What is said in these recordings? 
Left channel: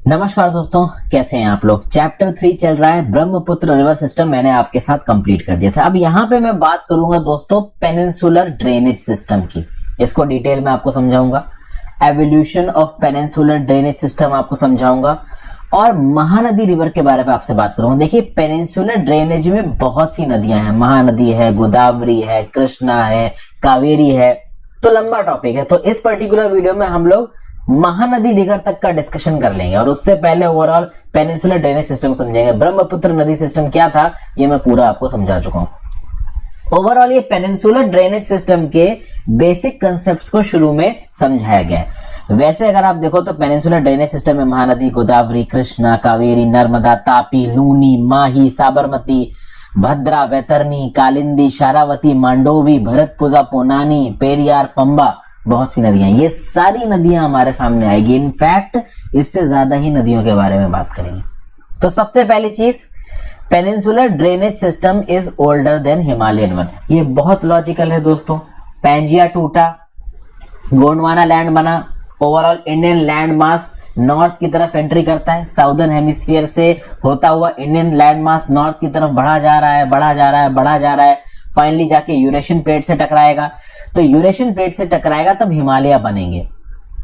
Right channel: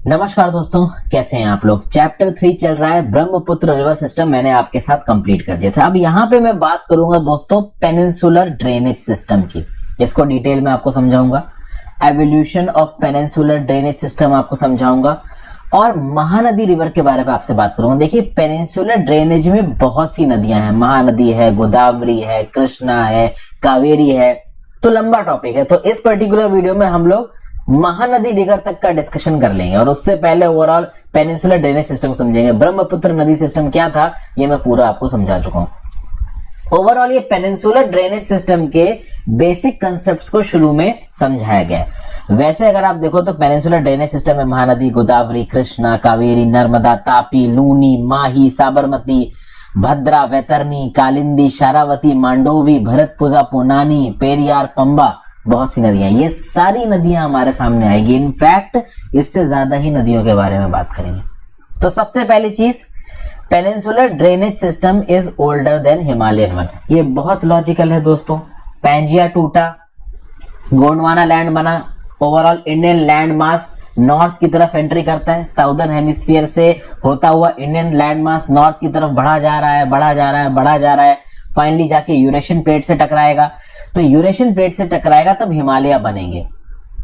नमस्कार दोस्तों, कैसे हैं आप लोग। चैप्टर 3 चल रहा है, ब्रह्मपुत्र रिवर सिस्टम मैंने आपके साथ कंप्लीट कर दिया था। अब यहाँ पे मैं बात करूंगा दोस्तों पेनिनसुलर ड्रेनेज सिस्टम की। इसको डिटेल में आपको समझाऊंगा, evolution of peninsular drainage system आपको समझाऊंगा और महानदी रिवर के बारे में आपसे बात करूंगा। देखिए, पेनिनसुलर ड्रेनेज में बहुत सी नदियां हैं, महानदी है, गोदावरी है, कृष्णा है, कावेरी है, तो लंबा टॉपिक है। तो इस पर्टिकुलर वीडियो में हम लोग महानदी रिवर तक का डिस्कशन कर लेंगे और उससे पहले ओवरऑल पेनिनसुलर ड्रेनेज सिस्टम समझेंगे। ब्रह्मपुत्र नदी सिस्टम क्या था ये मैं पूरा आपको समझा चुका हूं। ओवरऑल ये पेनिनसुलर ड्रेनेज सिस्टम के बेसिक कंसेप्ट्स को शुरू में समझाया गया है। वैसे अगर आप देखो तो पेनिनसुलर ड्रेनेज सिस्टम में महानदी, गोदावरी, कृष्णा, कावेरी, नर्मदा, तापी, लूनी, माही, साबरमती, भद्रा, वैतरणी, कालिंदी, शारावती, मांडोवी, भरतपुजा, पोनानी, पेरियार, पंबा, बहुत सी नदियां, ये सारी नदियां हमारे सामने आएगी। इनफैक्ट इससे ज्यादा ही नदियों के बारे में बात करेंगे। तो सबसे पहली चीज, peninsular drainage system is older than Himalayan one. ये बहुत लॉजिकल है दोस्तों। पैंजिया टूटा, गोंडवाना लैंड बना, overall Indian land mass north की तरफ एंट्री करता है। साउदर्न हेमिस्फीयर से होता हुआ इंडियन लैंड मास नॉर्थ की तरफ बढ़ा जा रहा है, बढ़ा जा रहा है, बढ़ा जा रहा है, फाइनली जाके यूरेशियन प्लेट से टकराएगा। तो यूरेशियन प्लेट से टकराएगा तब हिमालय बनेंगे।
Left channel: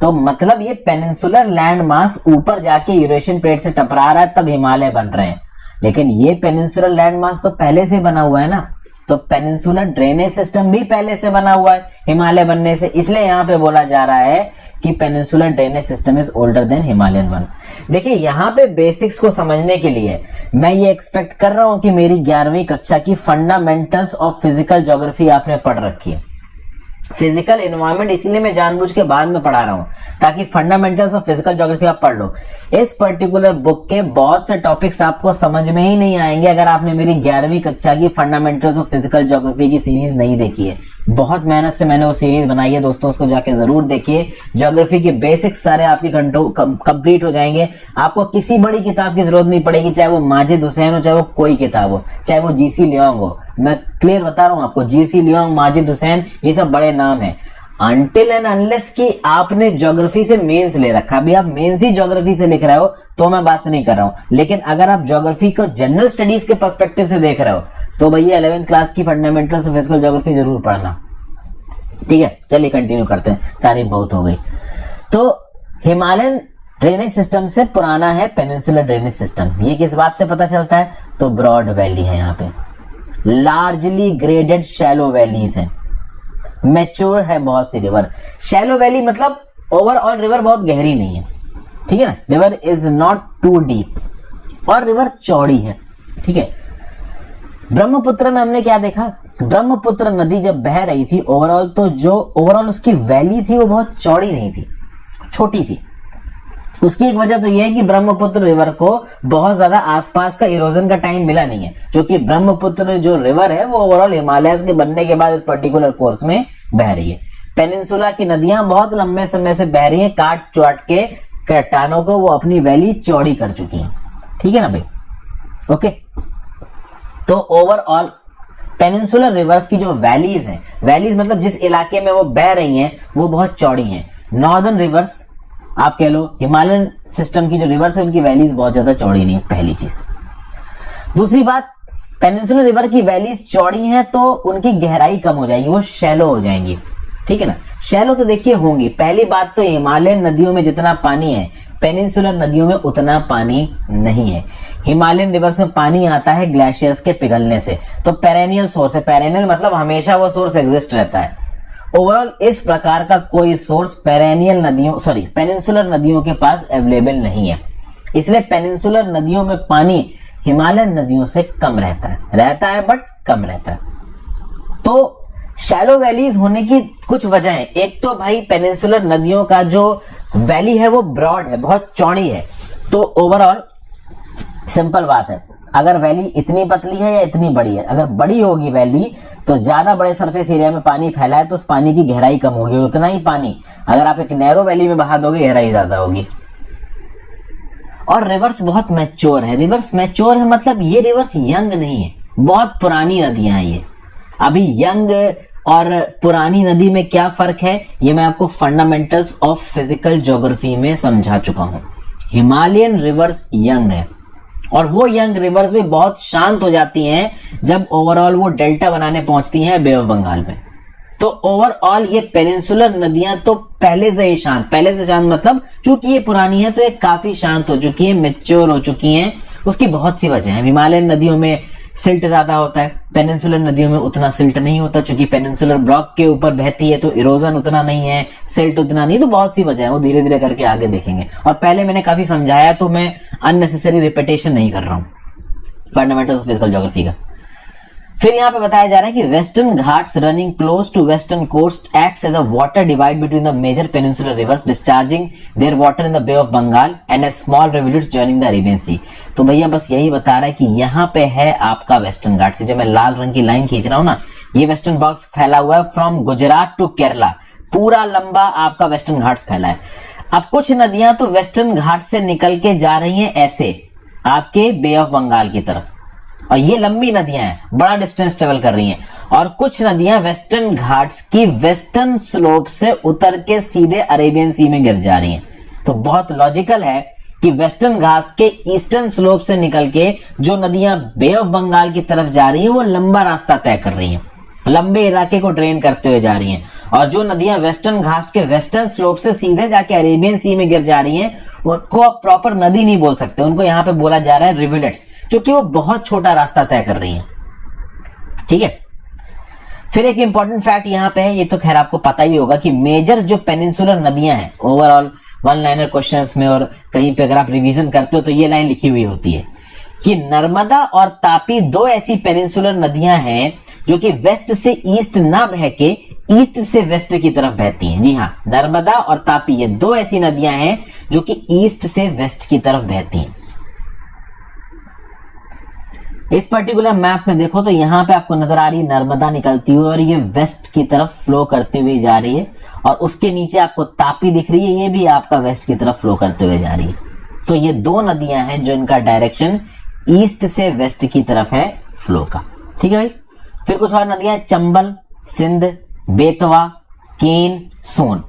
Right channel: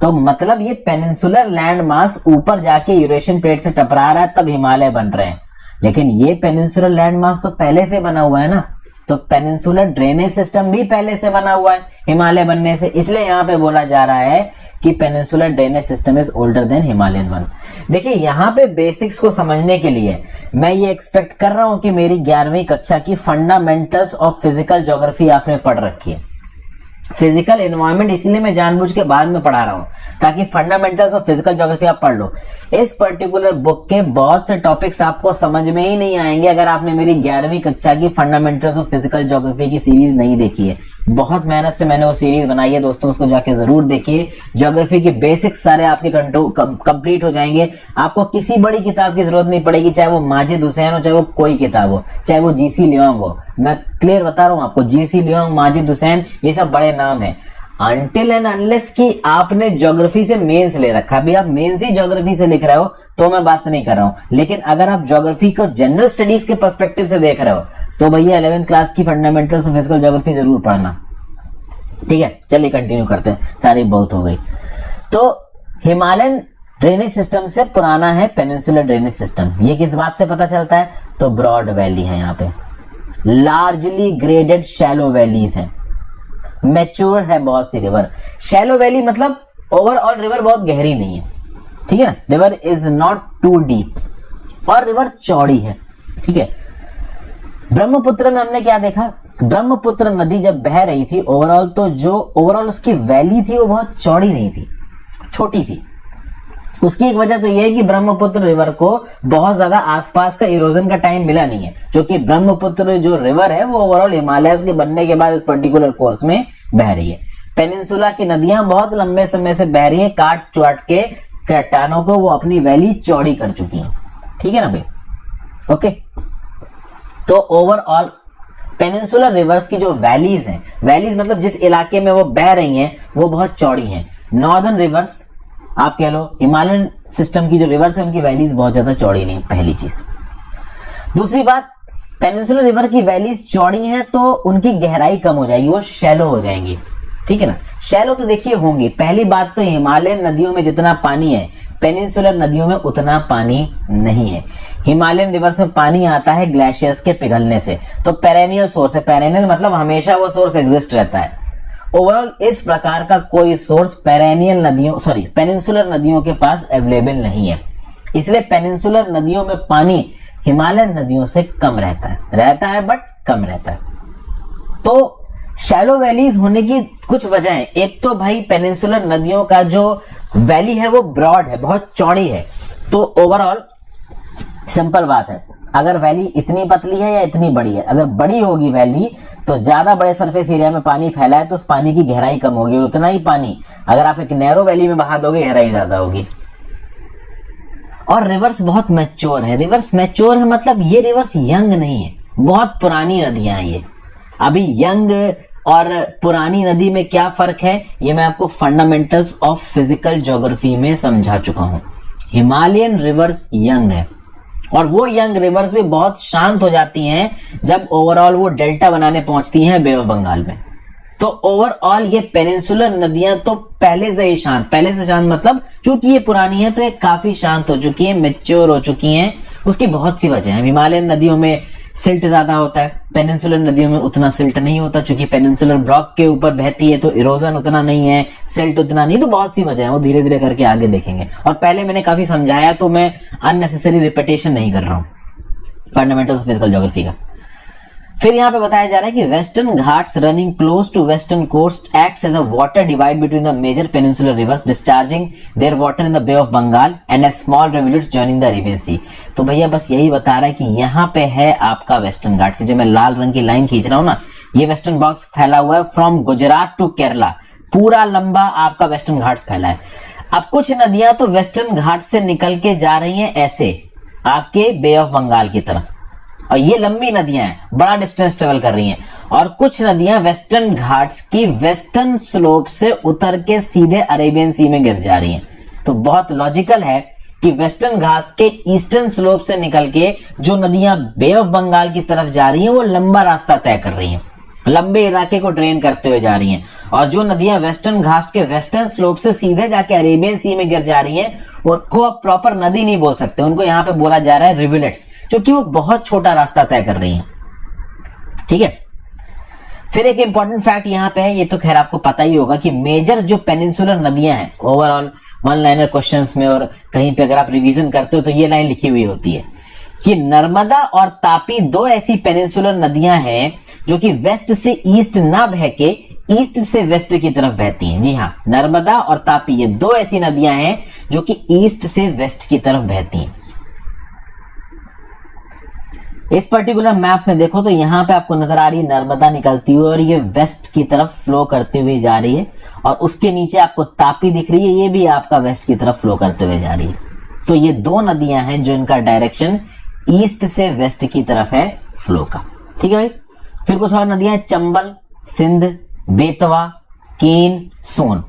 तो मतलब ये पेनिनसुलर लैंड मास ऊपर जाके यूरेशियन प्लेट से टकरा रहा है तब हिमालय बन रहे हैं। लेकिन ये पेनिनसुलर लैंड मास तो पहले से बना हुआ है ना, तो पेनिनसुलर ड्रेनेज सिस्टम भी पहले से बना हुआ है हिमालय बनने से। इसलिए यहाँ पे बोला जा रहा है कि peninsular drainage system is older than Himalayan one. देखिए, यहाँ पे बेसिक्स को समझने के लिए मैं ये एक्सपेक्ट कर रहा हूं कि मेरी 11वीं कक्षा की फंडामेंटल्स ऑफ फिजिकल ज्योग्राफी आपने पढ़ रखी है। फिजिकल एनवायरनमेंट इसलिए मैं जानबूझ के बाद में पढ़ा रहा हूं ताकि फंडामेंटल्स ऑफ फिजिकल ज्योग्राफी आप पढ़ लो। इस पर्टिकुलर बुक के बहुत से टॉपिक्स आपको समझ में ही नहीं आएंगे अगर आपने मेरी 11वीं कक्षा की फंडामेंटल्स ऑफ फिजिकल ज्योग्राफी की सीरीज नहीं देखी है। बहुत मेहनत से मैंने वो सीरीज बनाई है दोस्तों, उसको जाके जरूर देखिए। ज्योग्राफी के बेसिक्स सारे आपके कंप्लीट हो जाएंगे। आपको किसी बड़ी किताब की जरूरत नहीं पड़ेगी, चाहे वो माजिद हुसैन हो, चाहे वो कोई किताब हो, चाहे वो जीसी लियोंग हो। मैं क्लियर बता रहा हूं आपको, जीसी लियोंग, माजिद हुसैन, ये सब बड़े नाम है। अनटिल एंड अनलेस कि आपने ज्योग्राफी से मेंस ले रखा, अभी आप मेंस ही ज्योग्राफी से लिख रहे हो तो मैं बात नहीं कर रहा हूं। लेकिन अगर आप ज्योग्राफी को जनरल स्टडीज के पर्सपेक्टिव से देख रहे हो तो भैया 11वीं क्लास की फंडामेंटल्स ऑफ फिजिकल ज्योग्राफी जरूर पढ़ना। ठीक है, चलिए कंटिन्यू करते हैं, तारीफ बहुत हो गई। तो हिमालयन ड्रेनेज सिस्टम से पुराना है पेनिनसुलर ड्रेनेज सिस्टम। ये किस बात से पता चलता है? तो ब्रॉड वैली है, यहाँ पे लार्जली ग्रेडेड शैलो वैलीज है, मैच्योर है बहुत सी रिवर। शैलो वैली मतलब ओवरऑल रिवर बहुत गहरी नहीं है, ठीक है ना, river is not too deep और रिवर चौड़ी है। ठीक है, ब्रह्मपुत्र में हमने क्या देखा, ब्रह्मपुत्र नदी जब बह रही थी ओवरऑल, तो जो ओवरऑल उसकी वैली थी वो बहुत चौड़ी नहीं थी, छोटी थी। उसकी एक वजह तो यह है कि ब्रह्मपुत्र रिवर को बहुत ज्यादा आसपास का इरोजन का टाइम मिला नहीं है, जो कि ब्रह्मपुत्र जो रिवर है वो ओवरऑल हिमालय के बनने के बाद इस पर्टिकुलर कोर्स में बह रही है। पेनिनसुला की नदियां बहुत लंबे समय से बह रही है, काट चुट के चट्टानों को वो अपनी वैली चौड़ी कर चुकी है। ठीक है ना भाई, ओके। तो ओवरऑल पेनिनसुलर रिवर्स की जो वैलीज हैं, वैलीज मतलब जिस इलाके में वो बह रही हैं वो बहुत चौड़ी हैं। नॉर्दर्न रिवर्स आप कह लो, हिमालयन सिस्टम की जो रिवर्स है उनकी वैलीज बहुत ज्यादा चौड़ी नहीं, पहली चीज। दूसरी बात, पेनिनसुलर रिवर की वैलीज चौड़ी हैं तो उनकी गहराई कम हो जाएगी, वो शैलो हो जाएंगी। ठीक है ना, शैलो तो देखिए होंगी। पहली बात तो हिमालयन नदियों में जितना पानी है पेनिनसुलर नदियों में उतना पानी नहीं है। हिमालयन रिवर्स में पानी आता है ग्लेशियर्स के पिघलने से, तो पेरेनियल सोर्स है। पेरेनियल मतलब हमेशा वो सोर्स एग्जिस्ट रहता है। ओवरऑल इस प्रकार का कोई सोर्स पेनिनसुलर नदियों के पास अवेलेबल नहीं है। इसलिए पेनिनसुलर नदियों में पानी हिमालयन नदियों से कम रहता है बट कम रहता है। तो शैलो वैलीज होने की कुछ वजह है। एक तो भाई पेनिनसुलर नदियों का जो वैली है वो ब्रॉड है, बहुत चौड़ी है। तो ओवरऑल सिंपल बात है, अगर वैली इतनी पतली है या इतनी बड़ी है, अगर बड़ी होगी वैली तो ज्यादा बड़े सरफेस एरिया में पानी फैला है तो उस पानी की गहराई कम होगी, और उतना ही पानी अगर आप एक नैरो वैली में बहा दोगे गहराई ज्यादा होगी। और रिवर्स बहुत मैच्योर है। रिवर्स मैच्योर है मतलब ये रिवर्स यंग नहीं है, बहुत पुरानी नदियां हैं ये। अभी यंग और पुरानी नदी में क्या फर्क है ये मैं आपको फंडामेंटल्स ऑफ फिजिकल ज्योग्राफी में समझा चुका हूं। हिमालयन रिवर्स यंग है, और वो यंग रिवर्स भी बहुत शांत हो जाती हैं जब ओवरऑल वो डेल्टा बनाने पहुंचती हैं बे ऑफ बंगाल में। तो ओवरऑल ये पेनिनसुलर नदियां तो पहले से ही शांत, पहले से शांत मतलब चूंकि ये पुरानी है तो ये काफी शांत हो चुकी है, मेच्योर हो चुकी हैं। उसकी बहुत सी वजह है। हिमालयन नदियों में सिल्ट ज्यादा होता है, पेनिनसुलर नदियों में उतना सिल्ट नहीं होता, चूंकि पेनिनसुलर ब्लॉक के ऊपर बहती है तो इरोजन उतना नहीं है, सिल्ट उतना नहीं, तो बहुत सी वजह है, वो धीरे धीरे करके आगे देखेंगे। और पहले मैंने काफी समझाया तो मैं अननेसेसरी रिपीटेशन नहीं कर रहा हूं फंडामेंटल्स ऑफ फिजिकल ज्योग्राफी का। फिर यहाँ पे बताया जा रहा है कि Western Ghats running close to western coast acts as a water divide between the major peninsular rivers discharging their water in the bay of Bengal and as small rivulets joining the Arabian Sea. तो भैया बस यही बता रहा है कि यहाँ पे है आपका वेस्टर्न घाट से जो मैं लाल रंग की लाइन खींच रहा हूँ ना, ये वेस्टर्न बॉक्स फैला हुआ है फ्रॉम गुजरात टू केरला, पूरा लंबा आपका वेस्टर्न घाट्स फैला है। अब कुछ नदियां तो वेस्टर्न घाट से निकल के जा रही हैं ऐसे आपके बे ऑफ बंगाल की तरफ, और ये लंबी नदियां हैं, बड़ा डिस्टेंस ट्रेवल कर रही हैं। और कुछ नदियां वेस्टर्न घाट्स की वेस्टर्न स्लोप से उतर के सीधे अरेबियन सी में गिर जा रही हैं। तो बहुत लॉजिकल है कि वेस्टर्न घाट्स के ईस्टर्न स्लोप से निकल के जो नदियां बे ऑफ बंगाल की तरफ जा रही हैं वो लंबा रास्ता तय कर रही हैं, लंबे इलाके को ड्रेन करते हुए जा रही हैं। और जो नदियां वेस्टर्न घाट्स के वेस्टर्न स्लोप से सीधे जाके अरेबियन सी में गिर जा रही हैं उनको आप प्रॉपर नदी नहीं बोल सकते, उनको यहाँ पे बोला जा रहा है रिवुलेट्स, क्योंकि वो बहुत छोटा रास्ता तय कर रही हैं। ठीक है। फिर एक इंपॉर्टेंट फैक्ट यहाँ पे है, ये तो खैर आपको पता ही होगा कि मेजर जो पेनिनसुलर नदियां हैं ओवरऑल वन लाइनर क्वेश्चंस में और कहीं पे अगर आप रिवीजन करते हो तो ये लाइन लिखी हुई होती है कि नर्मदा और तापी दो ऐसी पेनिनसुलर नदियां हैं जो कि वेस्ट से ईस्ट ना बह के ईस्ट से वेस्ट की तरफ बहती हैं। जी हाँ, नर्मदा और तापी ये दो ऐसी नदियां हैं जो कि ईस्ट से वेस्ट की तरफ बहती हैं। इस पर्टिकुलर मैप में देखो तो यहां पे आपको नजर आ रही है नर्मदा निकलती हुई और ये वेस्ट की तरफ फ्लो करती हुई जा रही है, और उसके नीचे आपको तापी दिख रही है, ये भी आपका वेस्ट की तरफ फ्लो करते हुए जा रही है। तो ये दो नदियां हैं जो इनका डायरेक्शन ईस्ट से वेस्ट की तरफ है फ्लो का। ठीक है भाई। फिर कुछ और नदियां, Chambal, Sindh, Betwa, Ken, Son.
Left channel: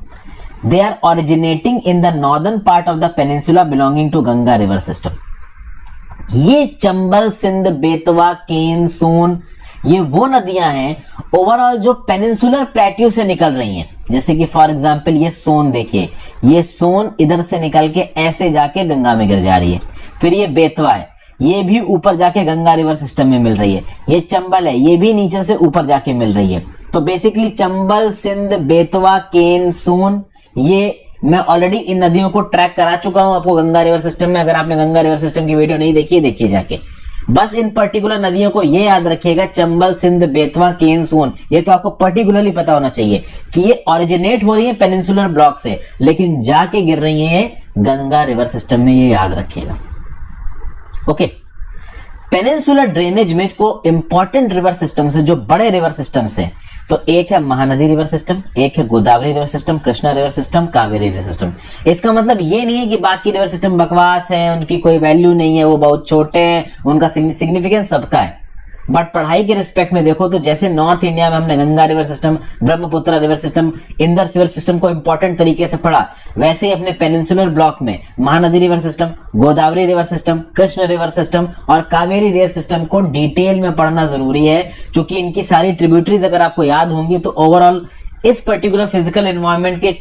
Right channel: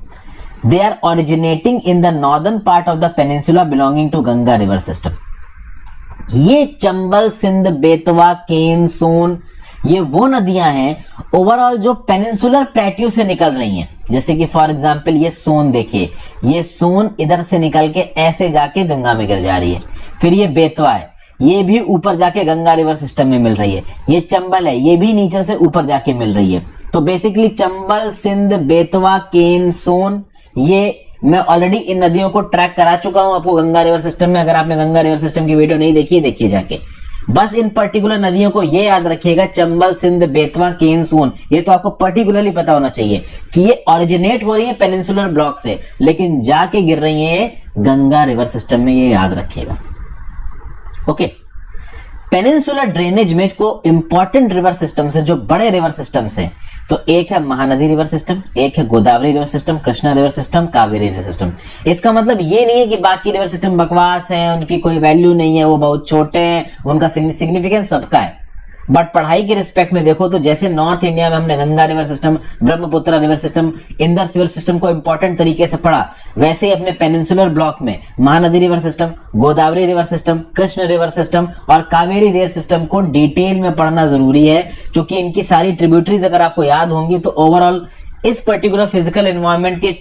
They are originating in the northern part of the peninsula belonging to Ganga river system. ये चंबल, सिंध, बेतवा, केन, सोन ये वो नदियां हैं ओवरऑल जो पेनिनसुलर प्लेट्यू से निकल रही हैं। जैसे कि फॉर एग्जांपल ये सोन देखिए, ये सोन इधर से निकल के ऐसे जाके गंगा में गिर जा रही है। फिर ये बेतवा है, ये भी ऊपर जाके गंगा रिवर सिस्टम में मिल रही है। ये चंबल है, ये भी नीचे से ऊपर जाके मिल रही है। तो बेसिकली चंबल, सिंध, बेतवा, केन, सोन, ये मैं ऑलरेडी इन नदियों को ट्रैक करा चुका हूं आपको गंगा रिवर सिस्टम में। अगर आपने गंगा रिवर सिस्टम की वीडियो नहीं देखी, देखिए जाके। बस इन पर्टिकुलर नदियों को ये याद रखिएगा, चंबल, सिंध, बेतवा, केन, सोन, ये तो आपको पर्टिकुलरली पता होना चाहिए कि ये ओरिजिनेट हो रही है पेनिनसुलर ब्लॉक से, लेकिन जाके गिर रही है गंगा रिवर सिस्टम में, ये याद रखिएगा। ओके। पेनिनसुलर ड्रेनेज में को इंपॉर्टेंट रिवर सिस्टम से, जो बड़े रिवर सिस्टम से, तो एक है महानदी रिवर सिस्टम, एक है Godavari river system, Krishna river system, Kaveri river system. इसका मतलब ये नहीं है कि बाकी रिवर सिस्टम बकवास है, उनकी कोई वैल्यू नहीं है, वो बहुत छोटे हैं, उनका सिग्निफिकेंस सबका है। बट पढ़ाई के रिस्पेक्ट में देखो तो जैसे नॉर्थ इंडिया में हमने Ganga river system, Brahmaputra river system, Indus river system को इंपॉर्टेंट तरीके से पढ़ा, वैसे ही अपने पेनिनसुलर ब्लॉक में Mahanadi river system, Godavari river system, Krishna river system और कावेरी रिवर सिस्टम को डिटेल में पढ़ना जरूरी है, क्योंकि इनकी सारी ट्रिब्यूटरीज अगर आपको याद होंगी तो ओवरऑल इस पर्टिकुलर फिजिकल एनवायरमेंट के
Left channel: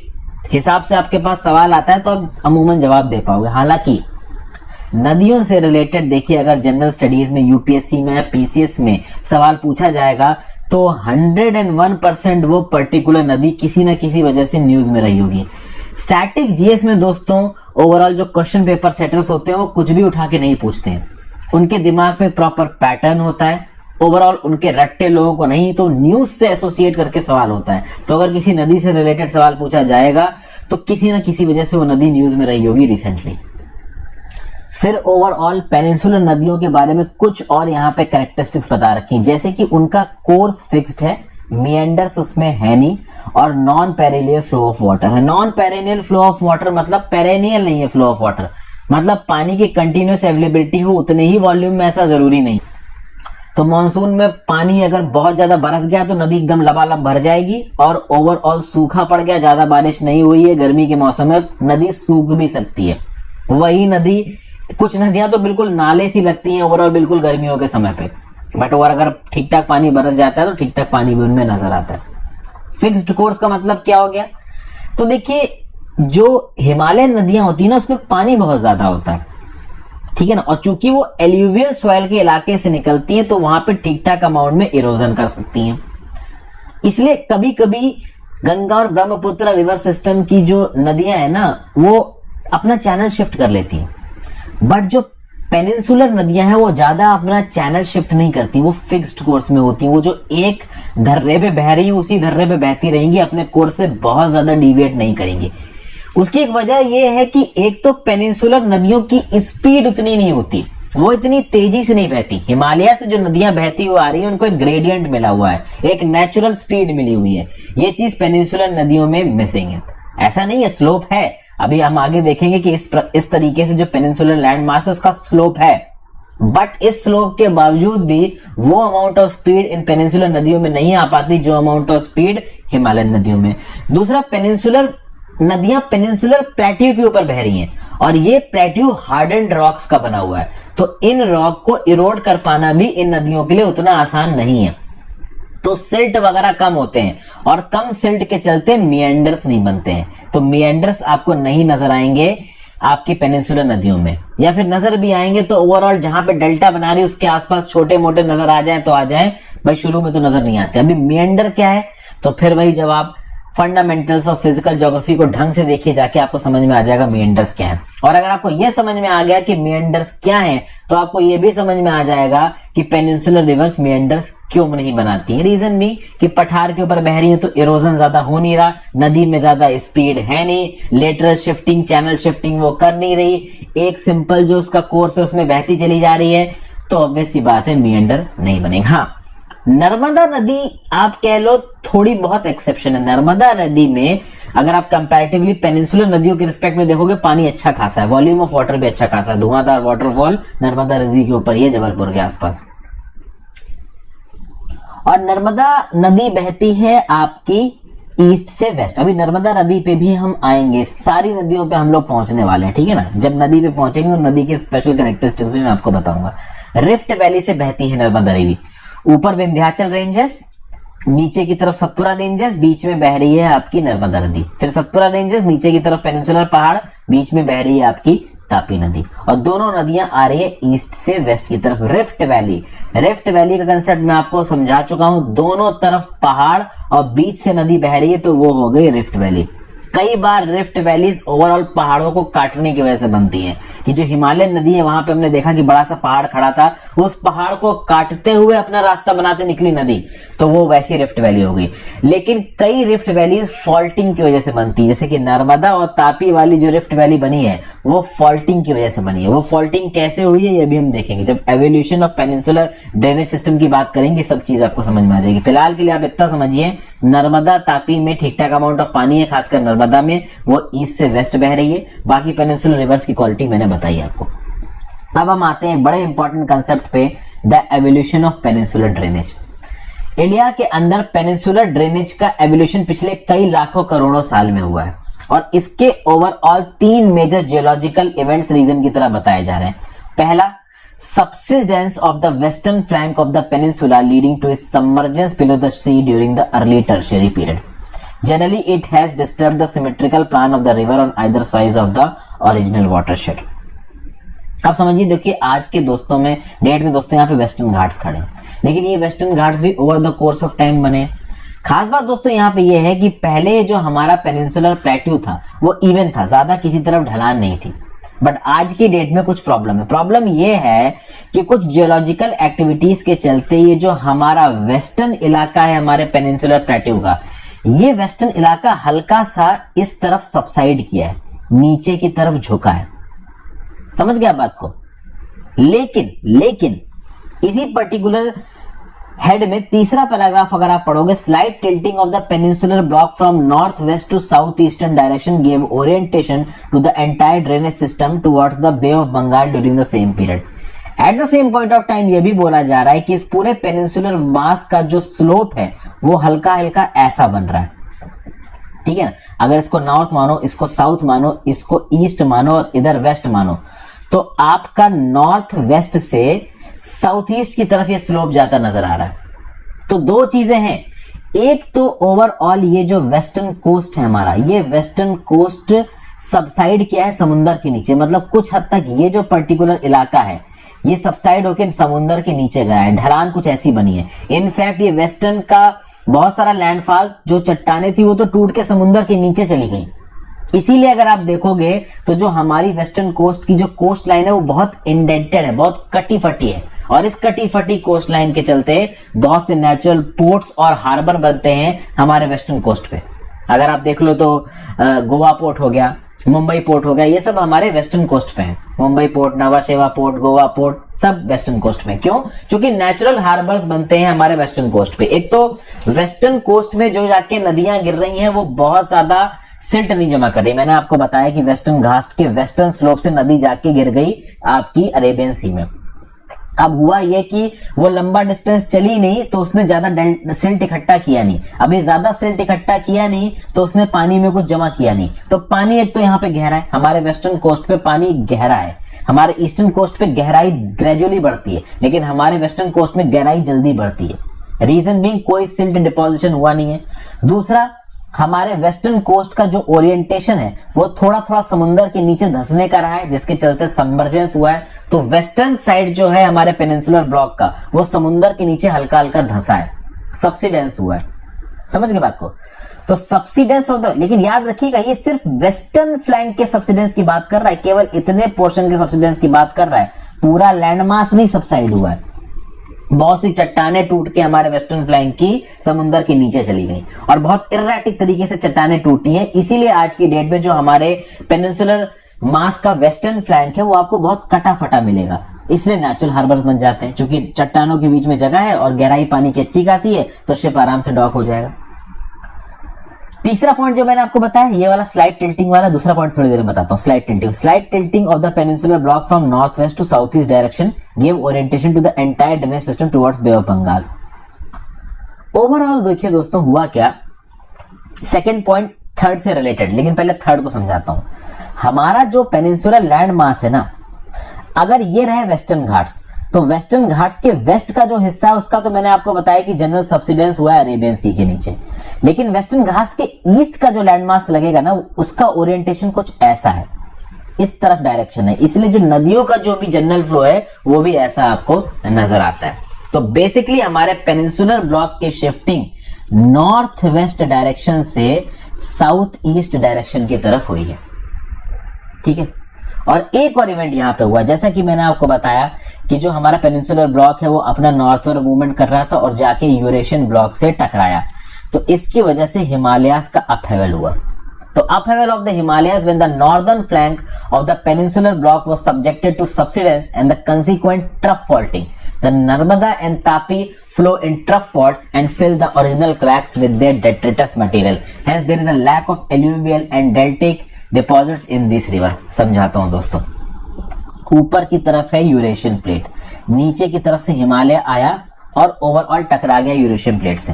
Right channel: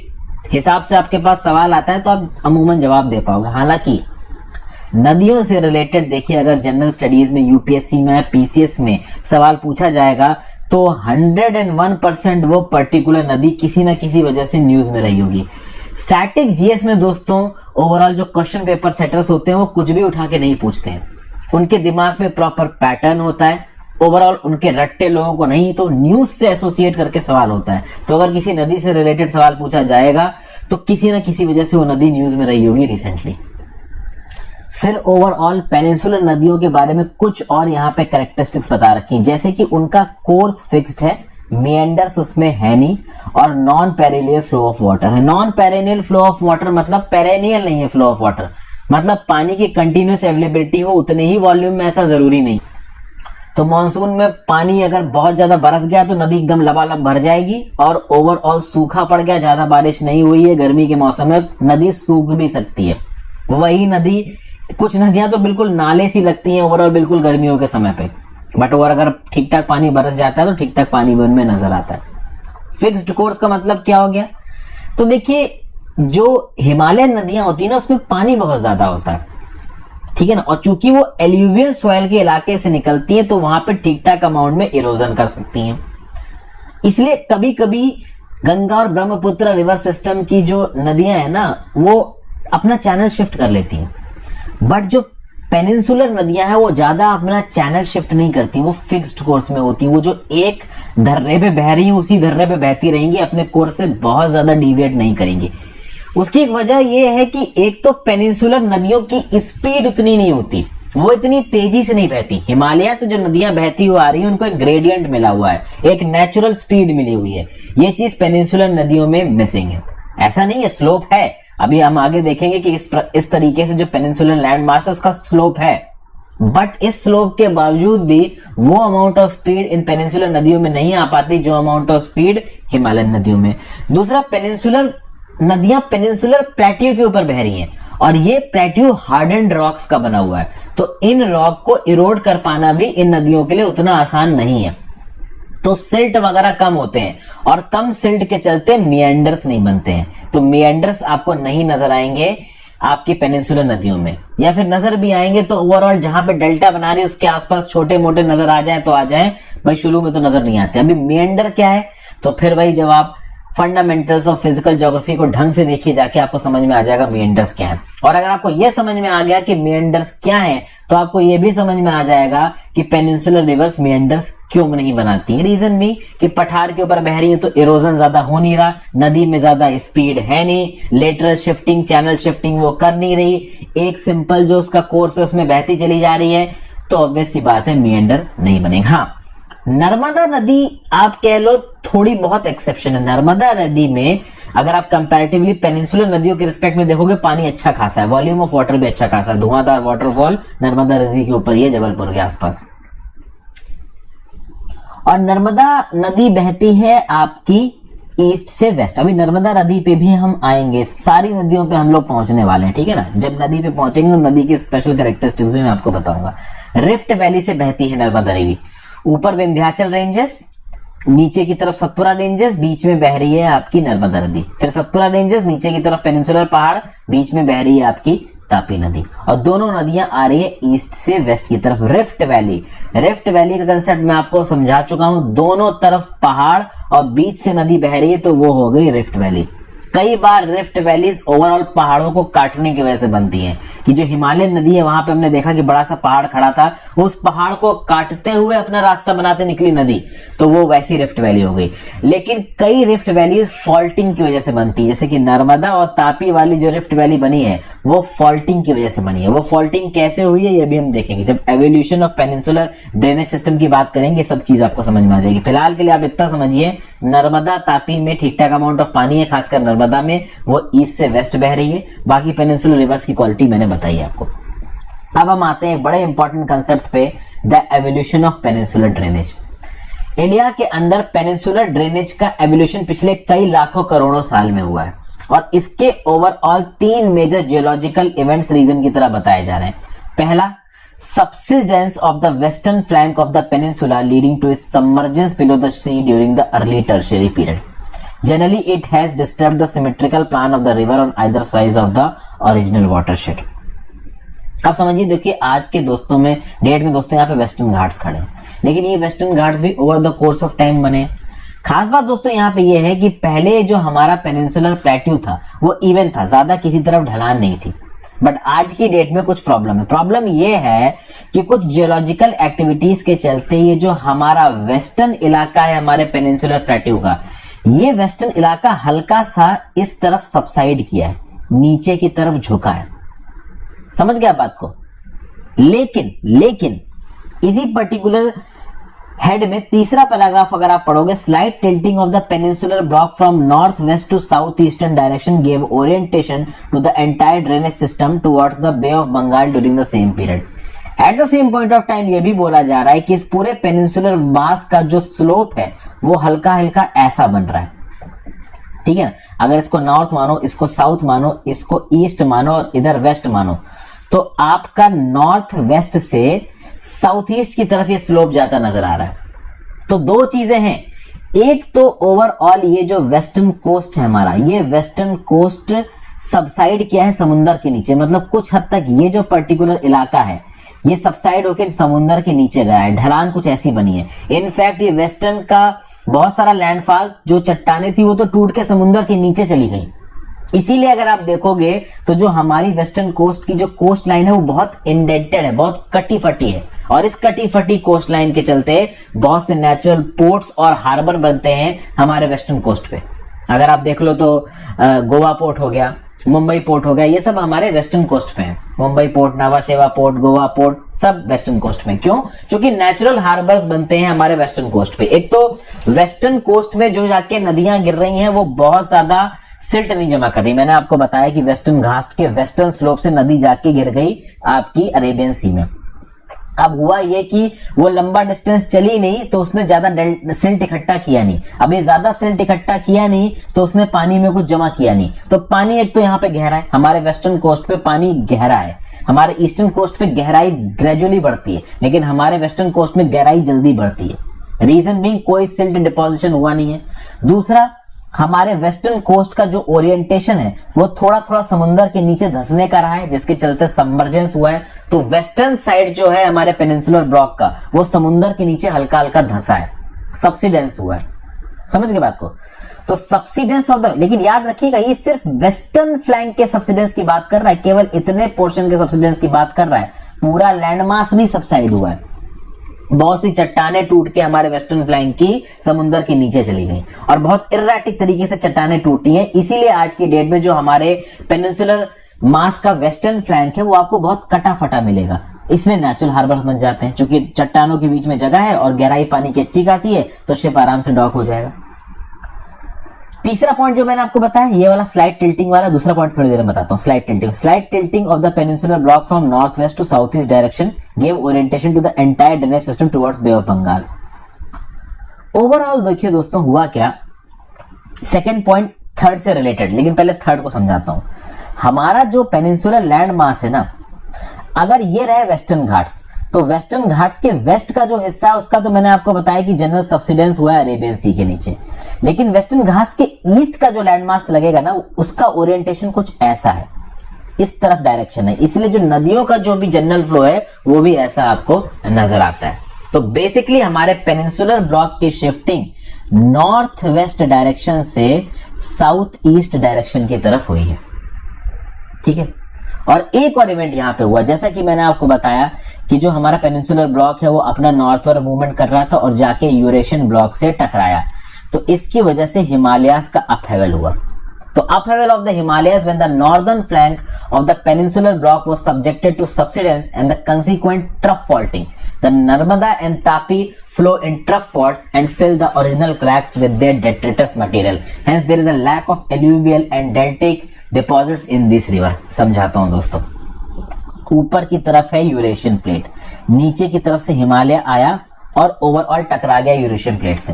हिसाब से आपके पास सवाल आता है तो आप अमूमन जवाब दे पाओगे। हालांकि नदियों से रिलेटेड देखिए, अगर जनरल स्टडीज में, यूपीएससी में, पीसीएस में सवाल पूछा जाएगा तो 101% वो पर्टिकुलर नदी किसी ना किसी वजह से न्यूज में रही होगी। स्टैटिक जीएस में दोस्तों ओवरऑल जो क्वेश्चन पेपर सेटर्स होते हैं वो कुछ भी उठा के नहीं पूछते हैं, उनके दिमाग में प्रॉपर पैटर्न होता है, ओवरऑल उनके रट्टे लोगों को नहीं तो न्यूज से एसोसिएट करके सवाल होता है। तो अगर किसी नदी से रिलेटेड सवाल पूछा जाएगा तो किसी ना किसी वजह से वो नदी न्यूज में रही होगी रिसेंटली। फिर ओवरऑल पेनिनसुलर नदियों के बारे में कुछ और यहाँ पे कैरेक्टरिस्टिक्स बता रखी हैं, जैसे कि उनका कोर्स फिक्स्ड है, मिएंडर्स उसमें है नहीं, और non perennial flow of water है। Non perennial flow of water मतलब पेरिनियल नहीं है फ्लो ऑफ वाटर, मतलब पानी की कंटिन्यूस अवेलेबिलिटी हो उतने ही वॉल्यूम में, ऐसा जरूरी नहीं। तो मॉनसून में पानी अगर बहुत ज्यादा बरस गया तो नदी एकदम लबालब भर जाएगी, और ओवरऑल सूखा पड़ गया, ज्यादा बारिश नहीं हुई है गर्मी के मौसम में, नदी सूख भी सकती है। वही नदी, कुछ नदियां तो बिल्कुल नाले सी लगती हैं ओवरऑल बिल्कुल गर्मियों के समय पे, बट और अगर ठीक ठाक पानी बरस जाता है तो ठीक ठाक पानी भी उनमें नजर आता है। फिक्स्ड कोर्स का मतलब क्या हो गया? तो देखिए, जो हिमालयन नदियां होती है ना उसमें पानी बहुत ज्यादा होता है, ठीक है ना, और चूंकि वो एल्यूवियल सॉइल के इलाके से निकलती है तो वहां पे ठीक ठाक अमाउंट में इरोजन कर सकती हैं। इसलिए कभी कभी गंगा और ब्रह्मपुत्र रिवर सिस्टम की जो नदियां है ना वो अपना चैनल शिफ्ट कर लेती हैं, बट जो पेनिनसुलर नदियां हैं वो ज्यादा अपना चैनल शिफ्ट नहीं करती, वो फिक्स्ड कोर्स में होती हैं। वो जो एक धर्रे पे बह रही है उसी धर्रे पे बहती रहेंगी, अपने कोर्स से बहुत ज्यादा डिविएट नहीं करेंगी। उसकी एक वजह यह है कि एक तो पेनिनसुलर नदियों की स्पीड उतनी नहीं होती, वो इतनी तेजी से नहीं बहती। हिमालय से जो नदियां बहती हुई आ रही है उनको एक ग्रेडियंट मिला हुआ है, एक नेचुरल स्पीड मिली हुई है। ये चीज पेनिनसुलर नदियों में मिसिंग है। ऐसा नहीं है, स्लोप है, अभी हम आगे देखेंगे कि इस तरीके से जो पेनिनसुलर लैंड मास है उसका स्लोप है, बट इस स्लोप के बावजूद भी वो amount of speed in peninsular नदियों में नहीं आ पाती जो अमाउंट ऑफ स्पीड हिमालयन नदियों में। दूसरा, पेनिनसुलर नदियां पेनिनसुलर प्लेट्यू के ऊपर बह रही हैं और ये प्लेट्यू हार्डन्ड रॉक्स का बना हुआ है, तो इन रॉक को इरोड कर पाना भी इन नदियों के लिए उतना आसान नहीं है। तो सिल्ट वगैरह कम होते हैं और कम सिल्ट के चलते मिएंडर्स नहीं बनते हैं, तो मिएंडर्स आपको नहीं नजर आएंगे आपकी पेनिनसुलर नदियों में, या फिर नजर भी आएंगे तो ओवरऑल जहां पे डेल्टा बना रही है उसके आसपास छोटे मोटे नजर आ जाए तो आ जाए, भाई शुरू में तो नजर नहीं आते। अभी मिएंडर क्या है, तो फिर वही जब आप फंडामेंटल्स ऑफ फिजिकल ज्योग्राफी को ढंग से देखिए जाके आपको समझ में आ जाएगा मिएंडर्स क्या है। और अगर आपको यह समझ में आ गया कि मिएंडर्स क्या है तो आपको यह भी समझ में आ जाएगा कि पेनिनसुलर रिवर्स मिएंडर्स क्यों नहीं बनाती। रीजन भी कि पठार के ऊपर बह रही है तो इरोजन ज्यादा हो नहीं रहा, नदी में ज्यादा स्पीड है नहीं, लेटरल शिफ्टिंग चैनल शिफ्टिंग वो कर नहीं रही, एक सिंपल जो उसका कोर्स है उसमें बहती चली जा रही है, तो ऑब्वियस सी बात है मिएंडर नहीं बनेगा। हाँ, नर्मदा नदी आप कह लो थोड़ी बहुत एक्सेप्शन है। नर्मदा नदी में अगर आप कंपैरेटिवली पेनिनसुलर नदियों के रिस्पेक्ट में देखोगे पानी अच्छा खासा है, वॉल्यूम ऑफ वाटर भी अच्छा खासा है, धुआंधार वाटरफॉल नर्मदा नदी के ऊपर ही है जबलपुर के आसपास। और नर्मदा नदी बहती है आपकी ईस्ट से वेस्ट। अभी नर्मदा नदी पे भी हम आएंगे, सारी नदियों पे हम लोग पहुंचने वाले हैं, ठीक है ना। जब नदी पे पहुंचेंगे और नदी के स्पेशल कैरेक्टरिस्टिक्स भी मैं आपको बताऊंगा। रिफ्ट वैली से बहती है नर्मदा नदी, ऊपर विंध्याचल रेंजेस, नीचे की तरफ सतपुरा रेंजेस, बीच में बह रही है आपकी नर्मदा नदी। फिर सतपुरा रेंजेस, नीचे की तरफ पेनिनसुलर पहाड़, बीच में बह रही है आपकी तापी नदी। और दोनों नदियां आ रही है ईस्ट से वेस्ट की तरफ। रिफ्ट वैली, रिफ्ट वैली का कंसेप्ट मैं आपको समझा चुका हूं, दोनों तरफ पहाड़ और बीच से नदी बह रही है तो वो हो गई रिफ्ट वैली। कई बार रिफ्ट वैलीज ओवरऑल पहाड़ों को काटने की वजह से बनती हैं, कि जो हिमालयन नदी है वहां पे हमने देखा कि बड़ा सा पहाड़ खड़ा था, उस पहाड़ को काटते हुए अपना रास्ता बनाते निकली नदी, तो वो वैसी रिफ्ट वैली हो गई। लेकिन कई रिफ्ट वैलीज फॉल्टिंग की वजह से बनती है, जैसे कि नर्मदा और तापी वाली जो रिफ्ट वैली बनी है वो फॉल्टिंग की वजह से बनी है। वो फॉल्टिंग कैसे हुई है ये भी हम देखेंगे, जब evolution of peninsular drainage system की बात करेंगे सब चीज आपको समझ में आ जाएगी। फिलहाल के लिए आप इतना समझिए, नर्मदा तापी में ठीक ठाक अमाउंट ऑफ पानी है, खासकर नर्मदा में वो ईस्ट से वेस्ट बह रही है, बाकी पेनिनसुलर रिवर्स की क्वालिटी मैंने बताई आपको। अब हम आते हैं बड़े इंपॉर्टेंट कंसेप्ट पे, the evolution of peninsular drainage. India के अंदर पेनिनसुलर ड्रेनेज का एवोल्यूशन पिछले कई लाखों करोड़ों साल में हुआ है और इसके overall 3 major geological events region की तरह बताए जा रहे हैं। पहला, subsidence of the western flank of the peninsula leading to its submergence below the sea during the early tertiary period. Generally, it has disturbed the symmetrical plan of the river on either sides of the original watershed. अब समझिए, देखिए आज के दोस्तों में, date में दोस्तों यहाँ पे वेस्टर्न घाट्स खड़े हैं, लेकिन ये वेस्टर्न घाट्स भी over the course of time बने। खास बात दोस्तों यहाँ पे ये है कि पहले जो हमारा पेनिनसुलर प्लेट्यू था वो इवन था, ज्यादा किसी तरफ ढलान नहीं थी, बट आज की डेट में कुछ प्रॉब्लम है। प्रॉब्लम यह है कि कुछ जियोलॉजिकल एक्टिविटीज के चलते ये जो हमारा वेस्टर्न इलाका है हमारे पेनिनसुलर प्लेट्यू का, ये वेस्टर्न इलाका हल्का सा इस तरफ सबसाइड किया है, नीचे की तरफ झुका है। समझ गया बात को। लेकिन इसी पर्टिकुलर हेड में तीसरा पैराग्राफ अगर आप पढ़ोगे, slight tilting of the peninsular block from north west to south eastern direction gave orientation to the entire drainage system towards the bay of Bengal during the same period. At the same point of time यह भी बोला जा रहा है कि इस पूरे peninsular मास का जो स्लोप है वो हल्का हल्का ऐसा बन रहा है, ठीक है, अगर इसको नॉर्थ मानो, इसको साउथ मानो, इसको ईस्ट मानो और इधर वेस्ट मानो, तो आपका नॉर्थ वेस्ट से साउथ ईस्ट की तरफ ये स्लोप जाता नजर आ रहा है। तो दो चीजें हैं, एक तो ओवरऑल ये जो वेस्टर्न कोस्ट है हमारा, ये वेस्टर्न कोस्ट सबसाइड किया है समुंदर के नीचे, मतलब कुछ हद तक ये जो पर्टिकुलर इलाका है ये सबसाइड होकर समुंदर के नीचे गया है, ढलान कुछ ऐसी बनी है। इनफैक्ट ये वेस्टर्न का बहुत सारा लैंडफॉल, जो चट्टाने थी वो तो टूट के समुंदर के नीचे चली गई। इसीलिए अगर आप देखोगे तो जो हमारी वेस्टर्न कोस्ट की जो कोस्ट लाइन है वो बहुत इंडेंटेड है, बहुत कटी फटी है, और इस कटी फटी कोस्ट लाइन के चलते बहुत से नेचुरल पोर्ट्स और हार्बर बनते हैं हमारे वेस्टर्न कोस्ट पे। अगर आप देख लो तो गोवा पोर्ट हो गया, मुंबई पोर्ट हो गया, ये सब हमारे वेस्टर्न कोस्ट पे है। मुंबई पोर्ट, नवा शेवा पोर्ट, गोवा पोर्ट, सब वेस्टर्न कोस्ट में। क्यों? क्योंकि नेचुरल हार्बर्स बनते हैं हमारे वेस्टर्न कोस्ट पे। एक तो वेस्टर्न कोस्ट में जो जाके नदियां गिर रही हैं वो बहुत ज्यादा सिल्ट नहीं जमा कर रही। मैंने आपको बताया कि वेस्टर्न घाट के वेस्टर्न स्लोप से नदी जाके गिर गई आपकी अरेबियन सी में। अब हुआ ये कि वो लंबा डिस्टेंस चली नहीं तो उसने ज्यादा सिल्ट इकट्ठा किया नहीं, अभी ज्यादा सिल्ट इकट्ठा किया नहीं तो उसने पानी में कुछ जमा किया नहीं। तो पानी एक तो यहाँ पे गहरा है, हमारे वेस्टर्न कोस्ट पे पानी गहरा है, हमारे ईस्टर्न कोस्ट पे गहराई ग्रेजुअली बढ़ती है, लेकिन हमारे वेस्टर्न कोस्ट में गहराई जल्दी बढ़ती है। रीजन बीइंग कोई सिल्ट डिपोजिशन हुआ नहीं है। दूसरा, हमारे वेस्टर्न कोस्ट का जो ओरिएंटेशन है वो थोड़ा थोड़ा समुद्र के नीचे धंसने का रहा है, जिसके चलते सबमर्जेंस हुआ है। तो वेस्टर्न साइड जो है हमारे पेनिनसुलर ब्लॉक का वो समुद्र के नीचे हल्का हल्का धंसा है, सबसिडेंस हुआ है। समझ गए बात को? तो सबसिडेंस ऑफ द, लेकिन याद रखिएगा ये सिर्फ वेस्टर्न फ्लैंक के सबसिडेंस की बात कर रहा है, केवल इतने पोर्शन के सबसिडेंस की बात कर रहा है, पूरा लैंडमास नहीं सबसाइड हुआ है। बहुत सी चट्टाने टूट के हमारे वेस्टर्न फ्लैंक की समुद्र के नीचे चली गई और बहुत इर्रेटिक तरीके से चट्टाने टूटी है। इसीलिए आज की डेट में जो हमारे पेनिनसुलर मास का वेस्टर्न फ्लैंक है वो आपको बहुत कटा फटा मिलेगा, इसलिए नेचुरल हार्बर्स बन जाते हैं। क्योंकि चट्टानों के बीच में जगह है और गहराई पानी की अच्छी खासी है, तो शिप आराम से डॉक हो जाएगा। तीसरा पॉइंट जो मैंने आपको बताया ये वाला स्लाइड टिल्टिंग वाला, दूसरा पॉइंट थोड़ी देर में बताता हूँ। Slide tilting of the peninsular block from north west to south east direction give orientation to the entire drainage system towards bay of Bengal. Overall देखिए दोस्तों हुआ क्या, सेकंड पॉइंट थर्ड से रिलेटेड, लेकिन पहले थर्ड को समझाता हूं। हमारा जो पेनिनसुलर लैंड मास है ना, अगर ये रहे वेस्टर्न घाट्स, तो वेस्टर्न घाट्स के वेस्ट का जो हिस्सा है उसका तो मैंने आपको बताया कि जनरल सबसिडेंस हुआ है अरेबियन सी के नीचे, लेकिन वेस्टर्न घाट्स के ईस्ट का जो लैंडमास लगेगा ना उसका ओरिएंटेशन कुछ ऐसा है, इस तरफ डायरेक्शन है। इसलिए जो नदियों का जो भी जनरल फ्लो है वो भी ऐसा आपको नजर आता है। तो बेसिकली हमारे पेनिनसुलर ब्लॉक की शिफ्टिंग नॉर्थ वेस्ट डायरेक्शन से साउथ ईस्ट डायरेक्शन की तरफ हुई है। ठीक है, और एक और इवेंट यहां पे हुआ, जैसा कि मैंने आपको बताया कि जो हमारा पेनिनसुलर ब्लॉक है वो अपना नॉर्थवर्ड मूवमेंट कर रहा था और जाके यूरेशियन ब्लॉक से टकराया, तो इसकी वजह से हिमालयाज का अपहेवल हुआ। तो upheaval of the Himalayas when the northern flank of the peninsular block was subjected to subsidence and the consequent trough faulting, the Narmada and Tapi flow in trough faults and fill the original cracks with their detritus material. Hence there is a lack of alluvial and deltaic deposits in this river. समझाता हूं दोस्तों, ऊपर की तरफ है Eurasian plate, नीचे की तरफ से हिमालय आया और ओवरऑल टकरा गया यूरेशियन प्लेट से।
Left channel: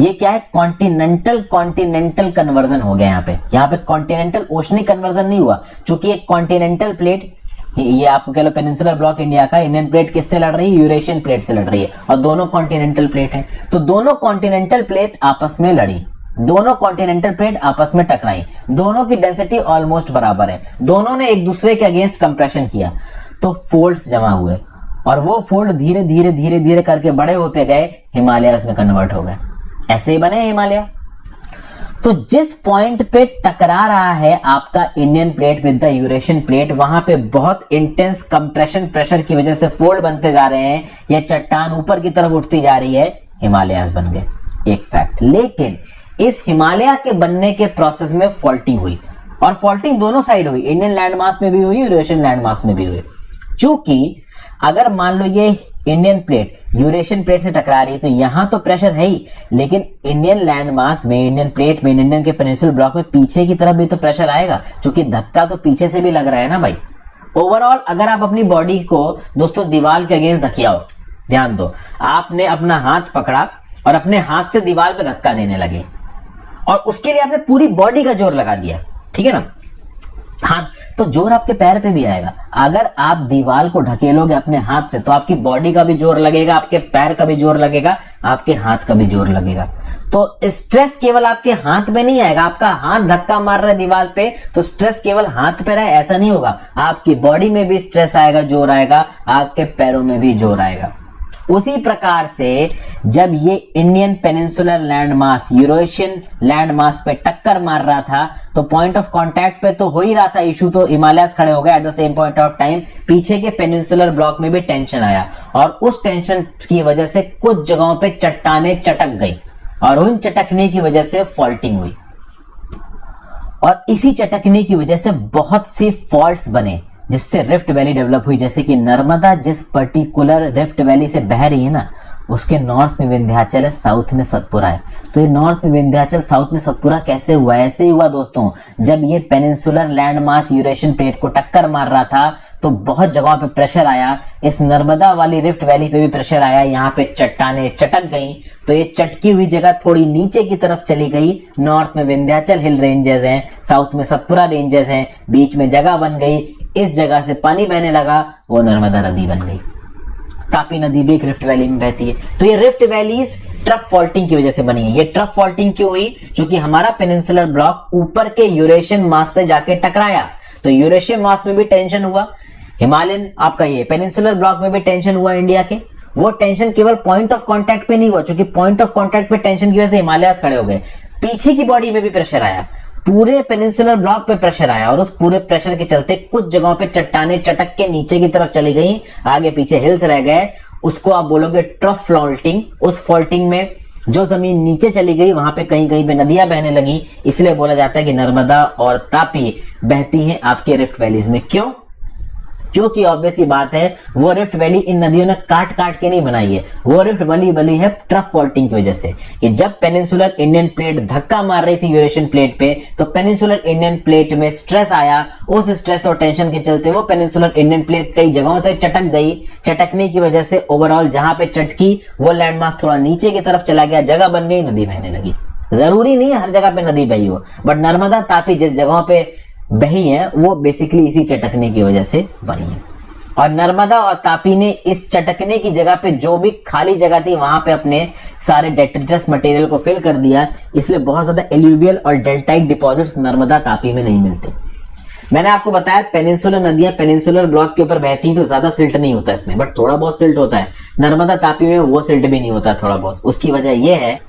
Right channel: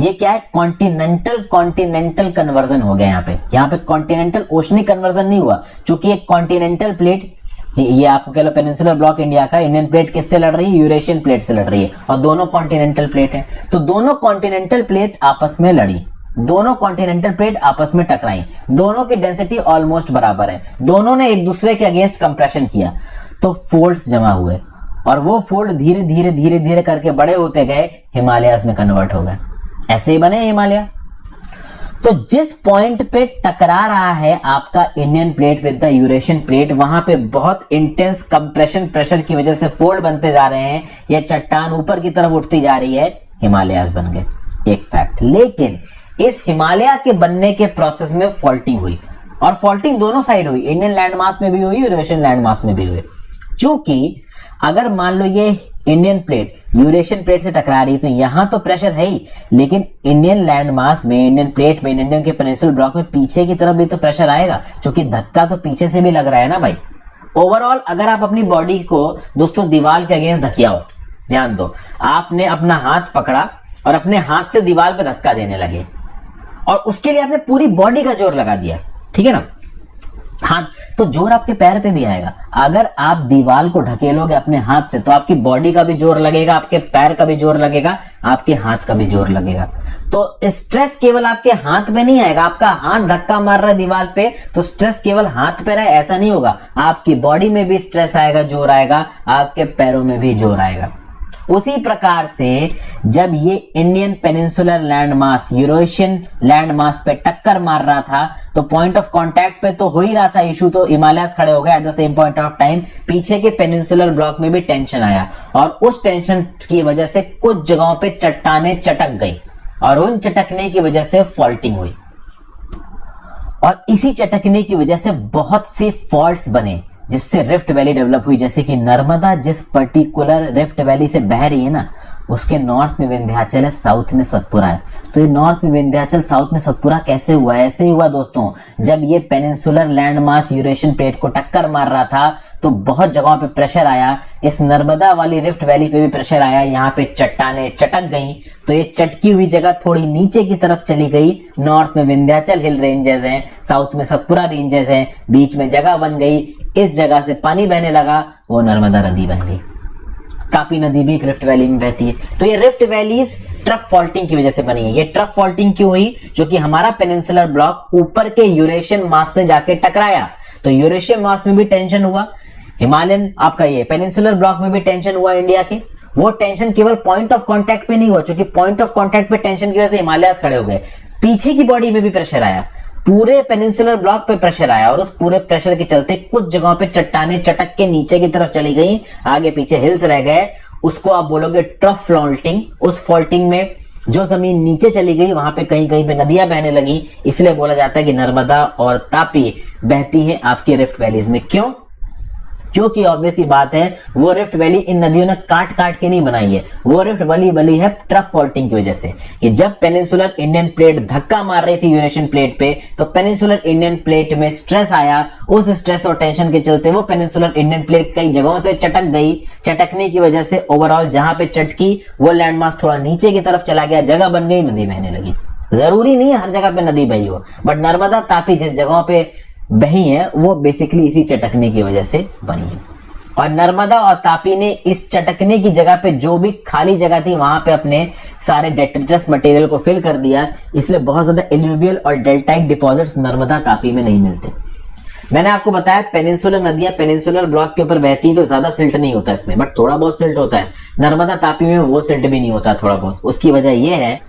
ये क्या है, कॉन्टिनेंटल कन्वर्जन हो गया। यहाँ पे कॉन्टिनेंटल ओशनिक कन्वर्जन नहीं हुआ, क्योंकि एक कॉन्टिनेंटल प्लेट, ये आपको कह लो पेनिनसुलर ब्लॉक इंडिया का, इंडियन प्लेट किससे लड़ रही है, यूरेशियन प्लेट से लड़ रही है, और दोनों कॉन्टिनेंटल प्लेट हैं। तो दोनों कॉन्टिनेंटल प्लेट आपस में लड़ी, दोनों कॉन्टिनेंटल प्लेट आपस में टकराई, दोनों की डेंसिटी ऑलमोस्ट बराबर है, दोनों ने एक दूसरे के अगेंस्ट कंप्रेशन किया, तो फोल्ड्स जमा हुए और वो फोल्ड धीरे धीरे धीरे धीरे करके बड़े होते गए, हिमालयाज में कन्वर्ट हो गए। ऐसे ही बने हिमालय। तो जिस पॉइंट पे टकरा रहा है आपका Indian plate with the Eurasian plate, वहां पे बहुत इंटेंस कंप्रेशन प्रेशर की वजह से फोल्ड बनते जा रहे हैं, ये चट्टान ऊपर की तरफ उठती जा रही है, हिमालयाज बन गए, एक फैक्ट। लेकिन इस हिमालय के बनने के प्रोसेस में फॉल्टिंग हुई, और फॉल्टिंग दोनों साइड हुई, इंडियन लैंड मास में भी हुई, यूरेशियन लैंड मास में भी हुई। क्योंकि अगर मान लो ये इंडियन प्लेट यूरेशियन प्लेट से टकरा रही है तो यहां तो प्रेशर है ही, लेकिन इंडियन लैंड मास में, इंडियन प्लेट में, इंडियन के पेनिनसुलर ब्लॉक में पीछे की तरफ भी तो प्रेशर आएगा, क्योंकि धक्का तो पीछे से भी लग रहा है ना भाई। ओवरऑल अगर आप अपनी बॉडी को दोस्तों दीवार के अगेंस्ट धकियाओ, ध्यान दो, आपने अपना हाथ पकड़ा और अपने हाथ से दीवार पे धक्का देने लगे, और उसके लिए आपने पूरी बॉडी का जोर लगा दिया, ठीक है ना। हाँ, तो जोर आपके पैर पे भी आएगा। अगर आप दीवार को ढकेलोगे अपने हाथ से तो आपकी बॉडी का भी जोर लगेगा, आपके पैर का भी जोर लगेगा, आपके हाथ का भी जोर लगेगा। तो स्ट्रेस केवल आपके हाथ पे नहीं आएगा। आपका हाथ धक्का मार रहा है दीवार पे तो स्ट्रेस केवल हाथ पे रहे ऐसा नहीं होगा, आपकी बॉडी में भी स्ट्रेस आएगा, जोर आएगा, आपके पैरों में भी जोर आएगा। उसी प्रकार से जब ये Indian peninsular land mass Eurasian land mass पे टक्कर मार रहा था तो पॉइंट ऑफ कांटेक्ट पे तो हो ही रहा था इशू, तो हिमालयस खड़े हो गए। Eight the same point of time पीछे के पेनिनसुलर ब्लॉक में भी टेंशन आया और उस टेंशन की वजह से कुछ जगहों पे चट्टानें चटक गई और उन चटकने की वजह से फॉल्टिंग हुई और इसी चटकने की वजह से बहुत सी फॉल्ट्स बने जिससे रिफ्ट वैली डेवलप हुई। जैसे कि नर्मदा जिस पर्टिकुलर रिफ्ट वैली से बह रही है ना, उसके नॉर्थ में विंध्याचल है, साउथ में सतपुरा है। तो ये नॉर्थ में विंध्याचल, साउथ में सतपुरा कैसे हुआ? ऐसे ही हुआ दोस्तों, जब ये peninsular land mass Eurasian plate को टक्कर मार रहा था तो बहुत जगहों पे प्रेशर आया। इस नर्मदा वाली रिफ्ट वैली पे भी प्रेशर आया, यहाँ पे चट्टानें चटक गई तो ये चटकी हुई जगह थोड़ी नीचे की तरफ चली गई। नॉर्थ में विंध्याचल हिल रेंजेस हैं, साउथ में सतपुरा रेंजेस हैं, बीच में जगह बन गई, इस जगह से पानी बहने लगा, वो नर्मदा नदी बन गई। तापी नदी भी एक रिफ्ट वैली में बहती है। तो ये रिफ्ट वैलीज ट्रफ फॉल्टिंग की वजह से बनी है। ये ट्रफ फॉल्टिंग क्यों हुई? क्योंकि हमारा पेनिनसुलर ब्लॉक ऊपर के यूरेशियन मास से जाके टकराया तो यूरेशियन मास में भी टेंशन हुआ, हिमालयन आपका ये पेनिनसुलर ब्लॉक में भी टेंशन हुआ इंडिया के। वो टेंशन केवल पॉइंट ऑफ कांटेक्ट पे नहीं हुआ, क्योंकि पॉइंट ऑफ कांटेक्ट पे टेंशन की वजह से हिमालयस खड़े हो गए, पीछे की बॉडी में भी प्रेशर आया, पूरे पेनिनसुलर ब्लॉक पे प्रेशर आया और उस पूरे प्रेशर के चलते कुछ जगहों पे चट्टानें चटक के नीचे की तरफ चली गई, आगे पीछे हिल्स रह गए। उसको आप बोलोगे ट्रफ फॉल्टिंग। उस फॉल्टिंग में जो जमीन नीचे चली गई वहां पे कहीं कहीं पे नदियां बहने लगी, इसलिए बोला जाता है कि नर्मदा और तापी बहती हैं आपके रिफ्ट वैलीज में। क्यों? क्योंकि ऑब्वियस ही बात है वो रिफ्ट वैली इन नदियों ने काट काट के नहीं बनाई है, वो रिफ्ट वैली बनी है ट्रफ फॉल्टिंग की वजह से। कि जब पेनिनसुलर इंडियन प्लेट धक्का मार रही थी यूरेशियन प्लेट पे तो पेनिनसुलर इंडियन प्लेट में स्ट्रेस आया, उस स्ट्रेस और टेंशन के चलते वो पेनिनसुलर इंडियन प्लेट कई जगहों से चटक गई। चटकने की वजह से ओवरऑल जहां पे चटकी वो लैंडमास थोड़ा नीचे की तरफ चला गया, जगह बन गई, नदी बहने लगी। जरूरी नहीं है हर जगह पे नदी बही हो, बट नर्मदा तापी जिस जगहों पे बही है वो बेसिकली इसी चटकने की वजह से बनी है। और नर्मदा और तापी ने इस चटकने की जगह पे जो भी खाली जगह थी वहां पे अपने सारे डेट्रिटस मटेरियल को फिल कर दिया, इसलिए बहुत ज्यादा एल्यूवियल और डेल्टाइक डिपॉजिट्स नर्मदा तापी में नहीं मिलते। मैंने आपको बताया पेनिनसुलर नदियां पेनिनसुलर ब्लॉक के ऊपर बहती तो ज्यादा सिल्ट नहीं होता इसमें, बट थोड़ा बहुत सिल्ट होता है। नर्मदा तापी में वो सिल्ट भी नहीं होता थोड़ा बहुत। उसकी वजह यह है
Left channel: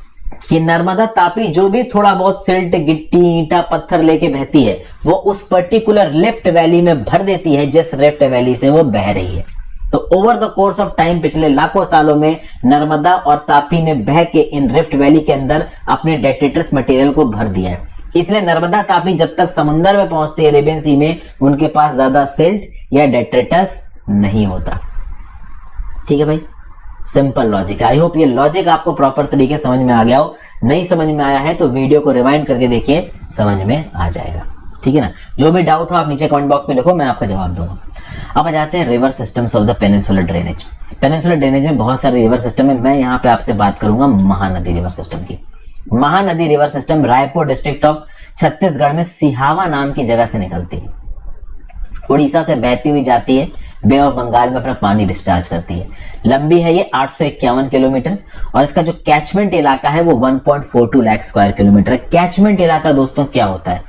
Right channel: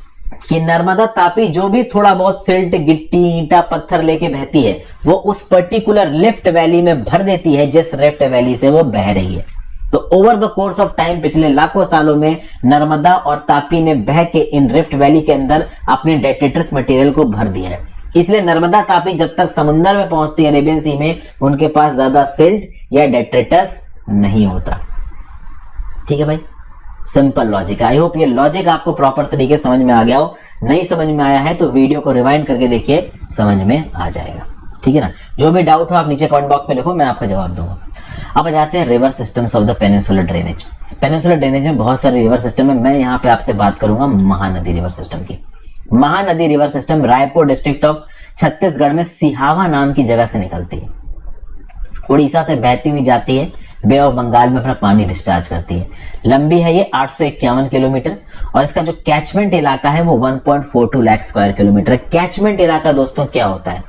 कि नर्मदा तापी जो भी थोड़ा बहुत सिल्ट, गिट्टी, ईंटा, पत्थर लेके बहती है वो उस पर्टिकुलर रिफ्ट वैली में भर देती है जिस रिफ्ट वैली से वो बह रही है। तो over the course of time पिछले लाखों सालों में नर्मदा और तापी ने बह के इन रिफ्ट वैली के अंदर अपने डेट्रिटस मटेरियल को भर दिया है। इसलिए नर्मदा तापी जब तक समुद्र में पहुंचती है अरेबियन सी में, उनके पास ज्यादा सिल्ट या डेट्रिटस नहीं होता। ठीक है भाई, सिंपल लॉजिक। आई होप ये लॉजिक आपको प्रॉपर तरीके समझ में आ गया हो। नहीं समझ में आया है तो वीडियो को रिवाइंड करके देखिए, समझ में आ जाएगा। ठीक है ना। जो भी डाउट हो आप नीचे कमेंट बॉक्स में लिखो, मैं आपका जवाब दूंगा। अब आ जाते हैं river systems of the peninsular drainage. Peninsular drainage में बहुत सारे रिवर सिस्टम है। मैं यहाँ पे आपसे बात करूंगा महानदी रिवर सिस्टम की। Mahanadi river system Raipur district of Chhattisgarh में सिहावा नाम की जगह से निकलती है, उड़ीसा से बहती हुई जाती है, बे ऑफ बंगाल में अपना पानी डिस्चार्ज करती है। लंबी है ये 851 किलोमीटर और इसका जो कैचमेंट इलाका है वो 1.42 लाख स्क्वायर किलोमीटर है। कैचमेंट इलाका दोस्तों क्या होता है?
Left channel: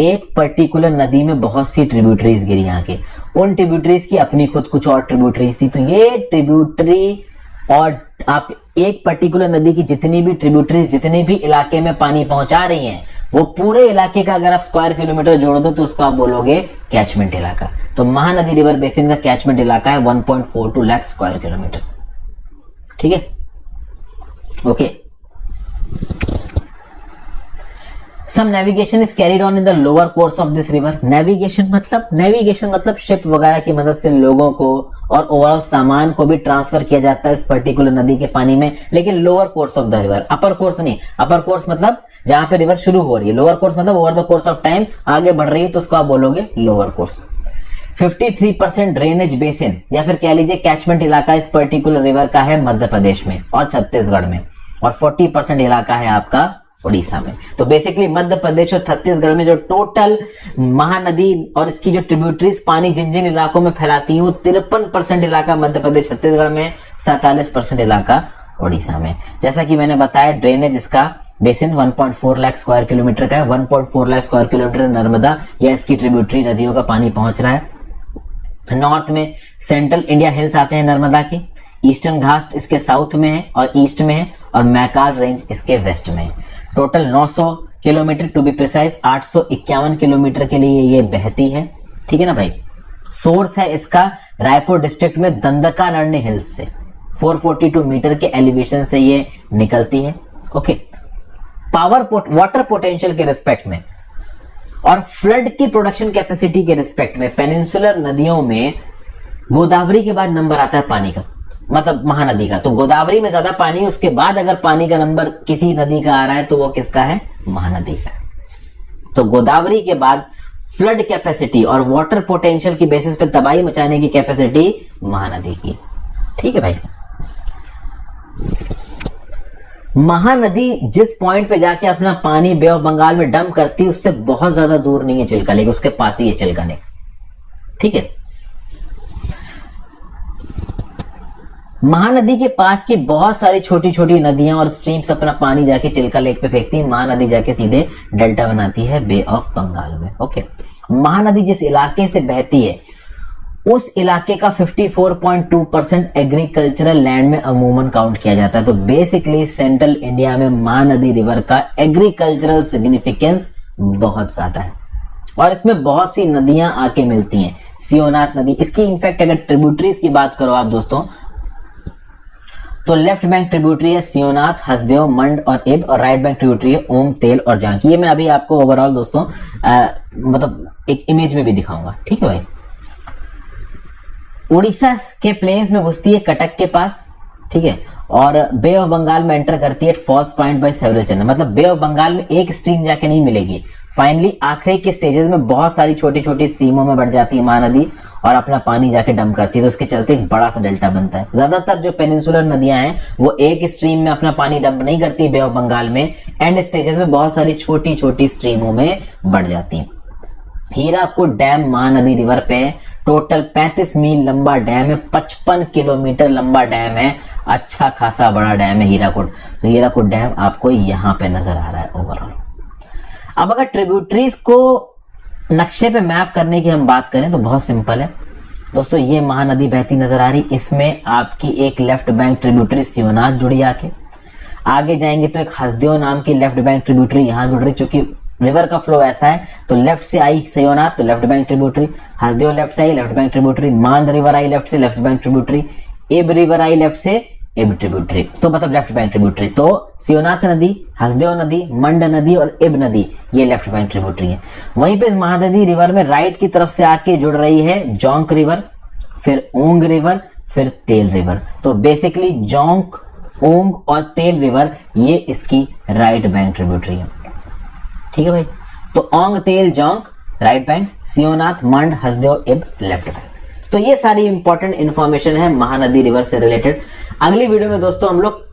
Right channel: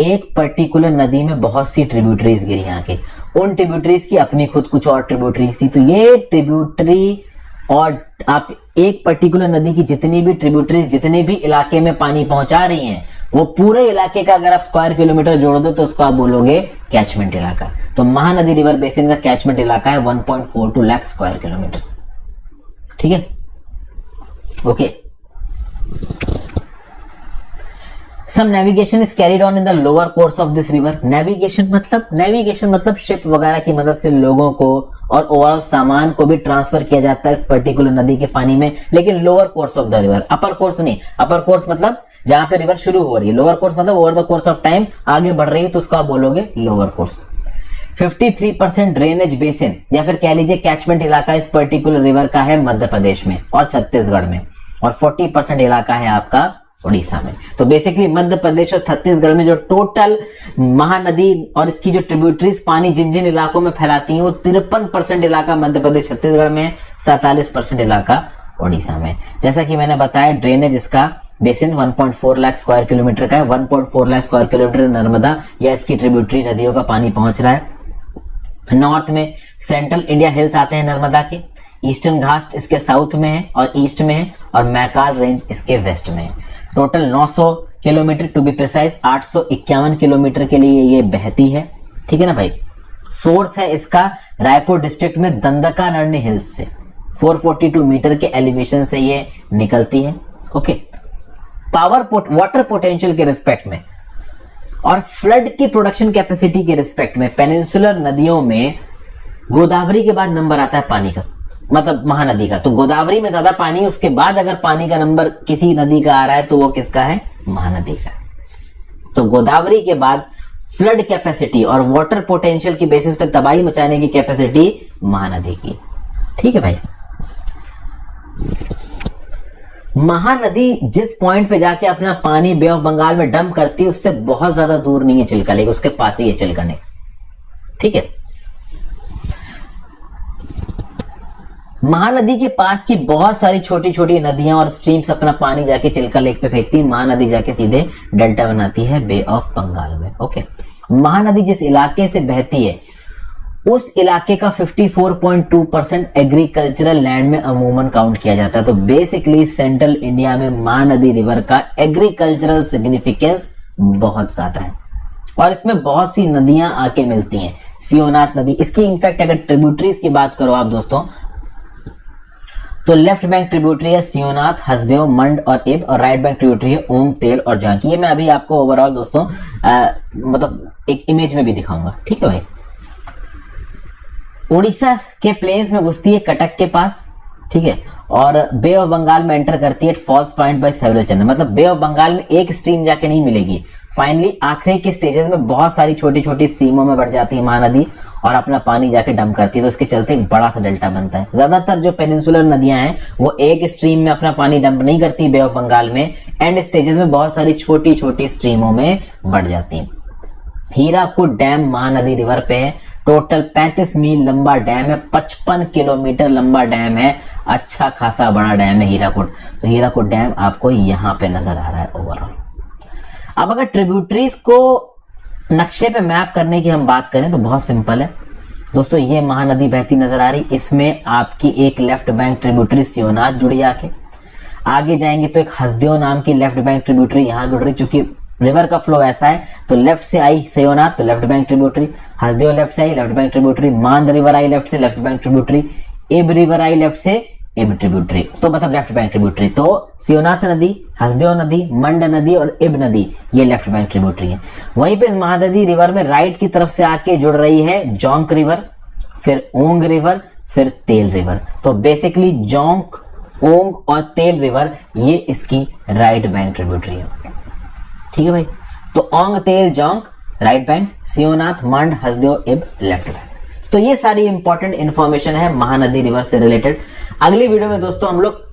एक पर्टिकुलर नदी में बहुत सी ट्रिब्यूटरीज गिरी यहाँ के, उन ट्रिब्यूटरीज की अपनी खुद कुछ और ट्रिब्यूटरीज थी। तो ये ट्रिब्यूटरी और आप एक पर्टिकुलर नदी की जितनी भी ट्रिब्यूटरीज जितने भी इलाके में पानी पहुंचा रही हैं वो पूरे इलाके का अगर आप स्क्वायर किलोमीटर जोड़ दो तो उसको आप बोलोगे कैचमेंट इलाका। तो महानदी रिवर बेसिन का कैचमेंट इलाका है 1.42 लाख स्क्वायर किलोमीटर। ठीक है, okay. Some navigation is carried on in the lower course of this river. Navigation मतलब शिप वगैरह की मदद से लोगों को और ओवरऑल सामान को भी ट्रांसफर किया जाता है इस पर्टिकुलर नदी के पानी में, लेकिन lower course of the river, upper course नहीं। अपर कोर्स मतलब जहां पे रिवर शुरू हो रही है, लोअर कोर्स मतलब over the course of time आगे बढ़ रही है तो उसको आप बोलोगे लोअर कोर्स। 53% ड्रेनेज बेसिन या फिर कह लीजिए कैचमेंट इलाका इस पर्टिकुलर रिवर का है मध्य प्रदेश में और छत्तीसगढ़ में, और 40% इलाका है आपका उड़ीसा में। तो बेसिकली मध्य प्रदेश और छत्तीसगढ़ में जो टोटल महानदी और इसकी जो ट्रिब्यूटरीज पानी जिन जिन इलाकों में फैलाती है वो 53% इलाका मध्य प्रदेश छत्तीसगढ़ में, 47% इलाका उड़ीसा में। जैसा कि मैंने बताया ड्रेनेज इसका बेसिन 1.4 लाख स्क्वायर किलोमीटर का है। 1.4 लाख स्क्वायर किलोमीटर नर्मदा या इसकी ट्रिब्यूटरी नदियों का पानी पहुंच रहा है। नॉर्थ में सेंट्रल इंडिया हिल्स आते हैं नर्मदा के, ईस्टर्न घाट इसके साउथ में है और ईस्ट में है, और मैकाल रेंज इसके वेस्ट में है। Total 900 kilometre to be precise, 851 kilometre के लिए ये बहती है। ठीक है ना भाई। सोर्स है इसका रायपुर डिस्ट्रिक्ट में दंडकारण्य हिल्स से, 442 मीटर के एलिवेशन से ये निकलती है। ओके। वाटर पोटेंशियल के रिस्पेक्ट में और फ्लड की प्रोडक्शन कैपेसिटी के रिस्पेक्ट में पेनिनसुलर नदियों में गोदावरी के बाद नंबर आता है पानी का, मतलब महानदी का। तो गोदावरी में ज्यादा पानी, उसके बाद अगर पानी का नंबर किसी नदी का आ रहा है तो वो किसका है? महानदी का। तो गोदावरी के बाद फ्लड कैपेसिटी और वाटर पोटेंशियल की बेसिस पे तबाही मचाने की कैपेसिटी महानदी की। ठीक है भाई। महानदी जिस पॉइंट पे जाके अपना पानी बे ऑफ बंगाल में डंप करती है उससे बहुत ज्यादा दूर नहीं है चिल्का लेक, उसके पास ही है चिल्का लेक। ठीक है। महानदी के पास की बहुत सारी छोटी छोटी नदियां और स्ट्रीम्स अपना पानी जाके चिल्का लेक पे फेंकती है। महानदी जाके सीधे डेल्टा बनाती है बे ऑफ बंगाल में। ओके। महानदी जिस इलाके से बहती है उस इलाके का 54.2% एग्रीकल्चरल लैंड में अमूमन काउंट किया जाता है। तो बेसिकली सेंट्रल इंडिया में महानदी रिवर का एग्रीकल्चरल सिग्निफिकेंस बहुत ज्यादा है और इसमें बहुत सी नदियां आके मिलती हैं। सियोनाथ नदी इसकी, इनफैक्ट अगर ट्रिब्यूटरीज की बात करो आप दोस्तों तो लेफ्ट बैंक ट्रिब्यूटरी है सियोनाथ, हसदेव, मंड और इब, और राइट बैंक ट्रिब्यूटरी है ओम, तेल और जांकी। ये मैं अभी आपको ओवरऑल दोस्तों मतलब एक इमेज में भी दिखाऊंगा। ठीक है भाई। उड़ीसा के प्लेन्स में घुसती है कटक के पास। ठीक है। और बे ऑफ बंगाल में एंटर करती है falls point by several channel. मतलब बे ऑफ बंगाल में एक स्ट्रीम जाके नहीं मिलेगी, फाइनली आखिरी के स्टेजेस में बहुत सारी छोटी छोटी स्ट्रीमों में बढ़ जाती है महानदी और अपना पानी जाके डंप करती है। तो उसके चलते एक बड़ा सा डेल्टा बनता है। ज्यादातर जो पेनिनसुलर नदियां हैं वो एक स्ट्रीम में अपना पानी डंप नहीं करती बे ऑफ बंगाल में, एंड स्टेजेस में बहुत सारी छोटी छोटी स्ट्रीमों में बढ़ जाती है। हीराकुड डैम महानदी रिवर पे है। टोटल 35 मील लंबा डैम है, 55 किलोमीटर लंबा डैम है, अच्छा खासा बड़ा डैम है हीराकुड। तो हीराकुड डैम आपको यहाँ पे नजर आ रहा है ओवरऑल। अब अगर ट्रिब्यूटरीज को नक्शे पे मैप करने की हम बात करें तो बहुत सिंपल है दोस्तों। ये महानदी बहती नजर आ रही, इसमें आपकी एक लेफ्ट बैंक ट्रिब्यूटरी सियोनाथ जुड़ी आके, आगे जाएंगे तो एक हसदेव नाम की लेफ्ट बैंक ट्रिब्यूटरी यहाँ जुड़ रही। चूंकि रिवर का फ्लो ऐसा है तो लेफ्ट से आई सियोनाथ तो left bank tributary, Hasdeo left से आई left bank tributary, Mand river आई लेफ्ट से left bank tributary, Ib river आई लेफ्ट से इब ट्रिब्यूटरी, तो मतलब लेफ्ट बैंक ट्रिब्यूटरी। तो सियोनाथ नदी, हसदेव नदी, मंड नदी और इब नदी ये लेफ्ट बैंक ट्रिब्यूटरी है। वहीं पे महानदी रिवर में राइट की तरफ से आके जुड़ रही है जोंक रिवर, फिर ओंग रिवर, फिर तेल रिवर। तो बेसिकली जोंक, ओंग और तेल रिवर ये इसकी राइट बैंक ट्रिब्यूटरी है। ठीक है भाई। तो ओंग, तेल, जोंक राइट बैंक, सियोनाथ, मंड, हसदेव, इब लेफ्ट बैंक। तो ये सारी इंपॉर्टेंट इंफॉर्मेशन है महानदी रिवर से रिलेटेड। अगली वीडियो में दोस्तों हम लोग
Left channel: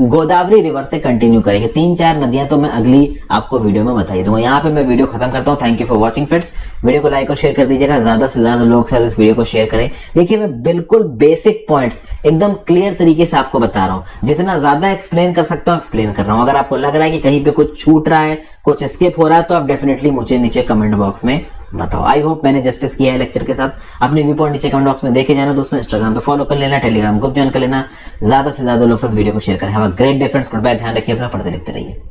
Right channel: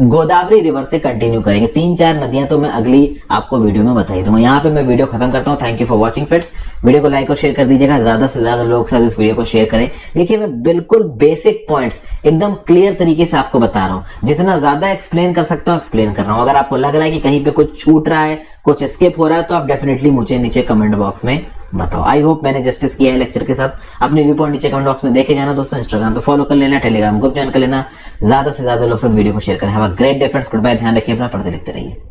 गोदावरी रिवर से कंटिन्यू करेंगे। 3-4 नदियां तो मैं अगली आपको वीडियो में बता दूंगा। यहाँ पे मैं वीडियो खत्म करता हूँ। Thank you for watching friends. Video को लाइक और शेयर कर दीजिएगा, ज्यादा से ज्यादा लोग से इस वीडियो को शेयर करें। देखिए मैं बिल्कुल बेसिक पॉइंट्स एकदम क्लियर तरीके से आपको बता रहा हूँ। जितना ज्यादा एक्सप्लेन कर सकता हूँ एक्सप्लेन कर रहा हूँ। अगर आपको लग रहा है कि कहीं पे कुछ छूट रहा है, कुछ स्किप हो रहा है, तो आप डेफिनेटली मुझे नीचे कमेंट बॉक्स में बताओ। आई होप मैंने जस्टिस किया है लेक्चर के साथ। अपने व्यू पॉइंट नीचे कमेंट बॉक्स में देखे जाना दोस्तों। इंस्टाग्राम पे फॉलो कर लेना, टेलीग्राम ग्रुप ज्वाइन कर लेना, ज्यादा से ज्यादा लोग साथ वीडियो को शेयर करें। Have a great day friends, goodbye, ध्यान रखिए अपना, पढ़ते लिखते रहिए।